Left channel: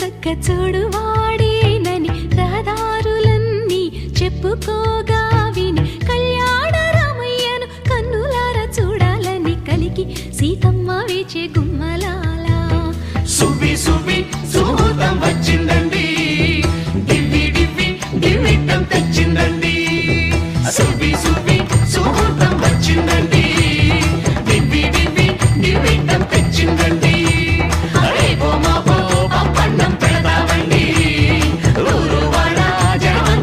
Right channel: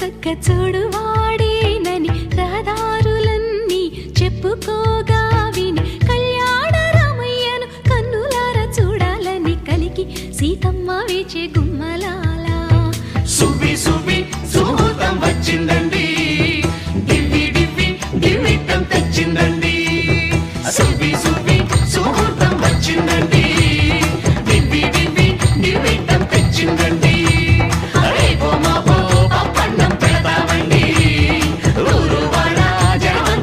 తగ్గ చూడు వాడేనని రహదారులన్నీ చెప్పుకోగా విని కళ్యాణ రామయ్యను కన్నులార చూడాలని కలిగి సీతమ్మ వేచే సువ్వి సువ్వి సుముహూర్తం వచ్చిందండి. డివ్వి తెచ్చిందండి. రేపో మాపో పప్పన్నం పెడతామండి. ఊరు వాడ ఆయుష్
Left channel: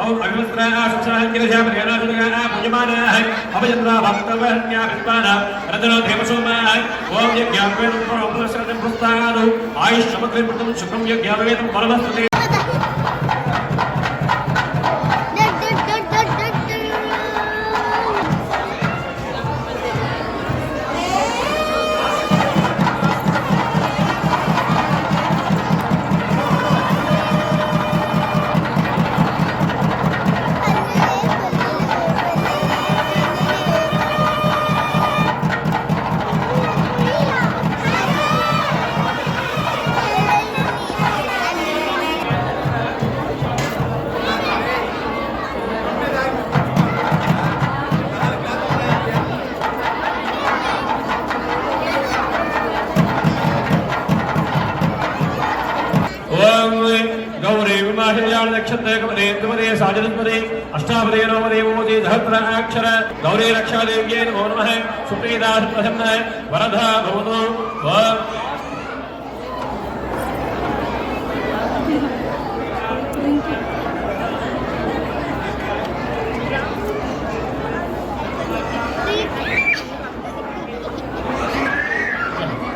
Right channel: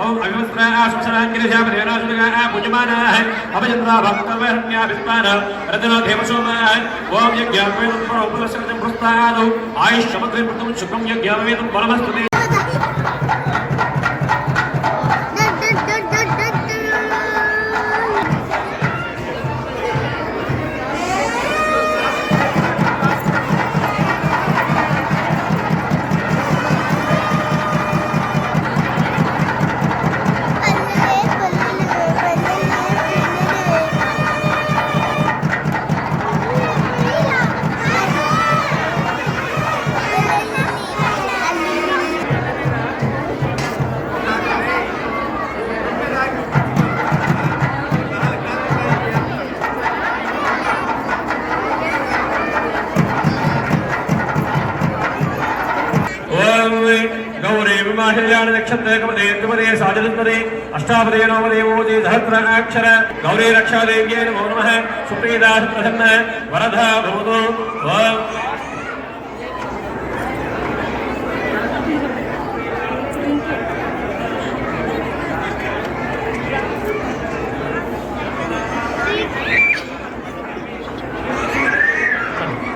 ఓం గౌరీ విమాహిల్యాణ گواہ اشاپ نو دہت اکثر گوری رکشا دے نو نیم ورداو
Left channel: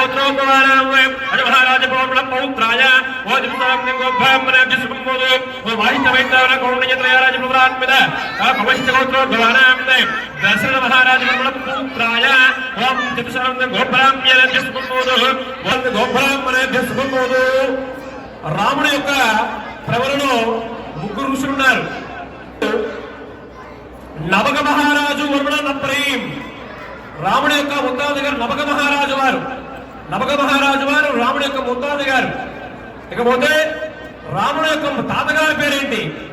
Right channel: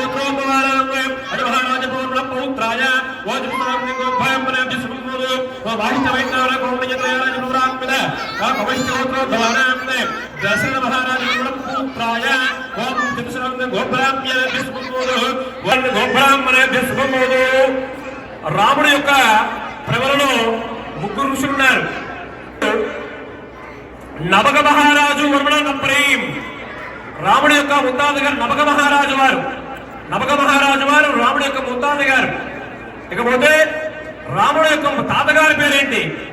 సమం రాముడి యొక్క ప్రవలలో ముగ్గురు ఋషులు ఉన్నారు। నవక మహారాజు వర్మణ నప్రీం రాముడి యొక్క ముత్తాత నవక మహారాజు వారు। నమక మహారాజు వారు రాముడు యొక్క ముత్తాత గారు. ఇకపోతే రాముడు యొక్క తాతగారి పేరేంటి?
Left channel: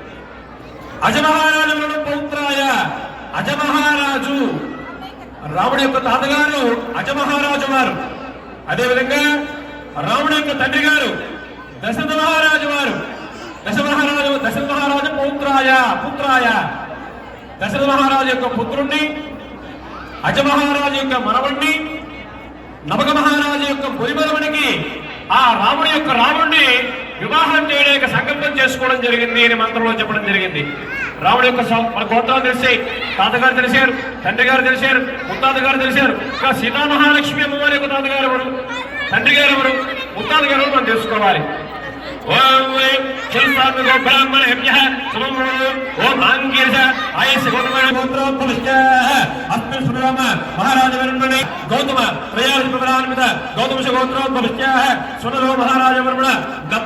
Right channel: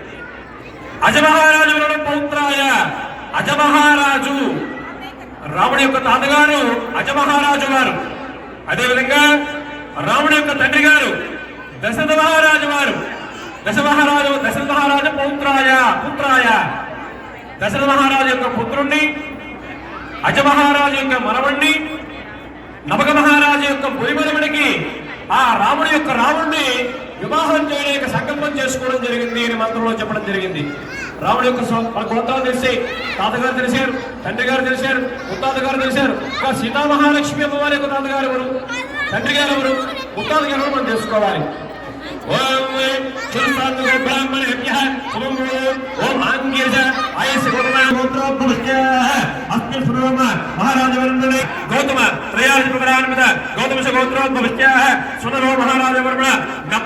అజమహారాజు పౌత్రాయ అజమహారాజు. రాముడి యొక్క తాతగారు అజమహారాజు వారు. అదేవిధంగా రాముడి యొక్క తండ్రి గారు దశరథ మహారాజు వారు. దశ మహారాజు దశరథ మహారాజు పౌత్రాయ పుత్రాయ. దశరథ మహారాజు యొక్క పుత్రుణ్ణి అజమహారాజు యొక్క మనవణ్ణి నమక మహారాజు యొక్క పొలిమరముడికి ఆ రాముడి యొక్క రాముడిని వివాహం చేయడానికి సంకల్పం చేసుకోవడం జరిగింది అని మంత్రంలో చెప్పడం జరిగింది. రాముడి యొక్క సం- గోత్రాలు తెలిసాయి తాతగారు తెలిసారు తండ్రి గారు తెలిసారు ముత్తాత గారు తెలిసారు ఇంకా సీతా మహాలక్ష్మి అమ్మవారి యొక్క తాతగారు ఎవరు? తండ్రి గారు ఎవరు? ముత్తాత గారు మనం తెలుసుకోవాలి. ఓం చిరసాత్మక బ్రాహ్మణేభ్యః గోత్ర ಪ್ರಭಾಮ ಮಹಾರಾಜವರ್ಮಣ ಗೌತಮ ತ್ರಯಾಧಿಪರಾನ್ವಿತ ಗೌತಮ ಗೋತ್ರೋದ್ಭವಿಷ್ಯಾಹ ಸುನರೋ ಮಹಾರಾಜವರ್ಮಣ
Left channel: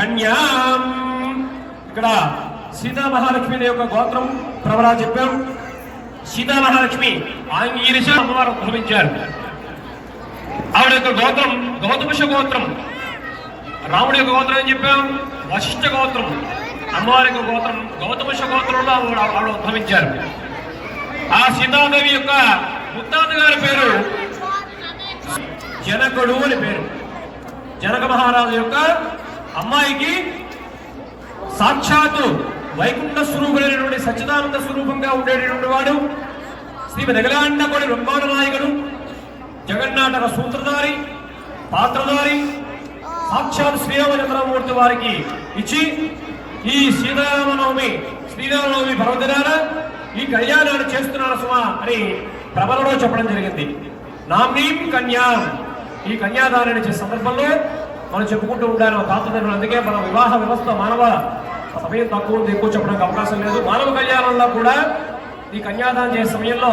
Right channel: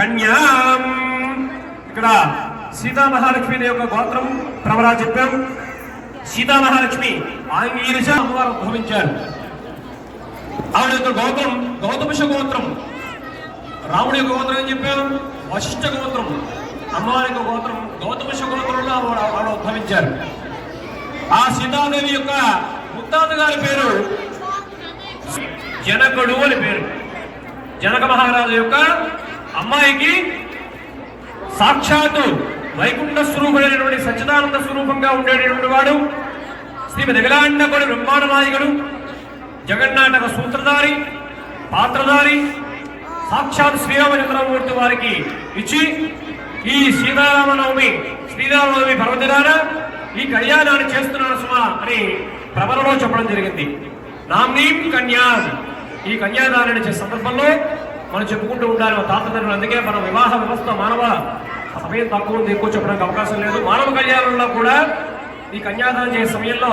కన్యాం. ఇక్కడ సీతా మహాలక్ష్మి యొక్క గోత్రం ప్రవరా చెప్పాం సీతా మహాలక్ష్మి ఆంగీరశ అమ్మవారు ఉద్భవించారు ఆవిడ యొక్క గోత్రం గౌతమశ గోత్రం. రాముడి యొక్క గోత్రం ఏం చెప్పాం వశిష్ఠ గోత్రం. అమ్మవారి యొక్క గోత్రం గౌతమశ గోత్రంలో ఆవిడ ఉద్భవించారు. ఆ సీతాదేవి యొక్క ముత్తాత గారి పేరు జనకుడు అని పేరు. జనక మహారాజు యొక్క అమ్మాయికి సాక్షాత్తు వైకుంఠ స్వరూపుడైనటువంటి సచ్చిదానంద స్వరూపంగా ఉండేటటువంటి వాడు శ్రీమతి విలాండకుడి బ్రహ్మాండ నాయకుడు జగన్నాటక సూత్రధారి పాత్రధారి సాక్షాత్ శ్రీరామచంద్రమూర్తి వారికి ఇచ్చి ఈ శ్రీరామనవమి శ్రీరామనవమి పర్వదినాన ఈ కళ్యాణాన్ని చేస్తున్నాను సుమా అని ప్రబలలో చెప్పడం జరిగింది. నామ్నీం కన్యాం. ఈ కన్యాదానాన్ని చేసే సందర్భంలో మనం చెప్పుకుంటూ ఉండాలి. మా తాతదండ్రులు అందుకే మన వివాహ వ్యవస్థ మానవ సమయం తక్కువ ఎక్కువ చెప్పడానికి అవకాశం లేదు. మానవ కళ్యాణంలో కూడా ఈ కన్యాదానం చేసే సమయంలో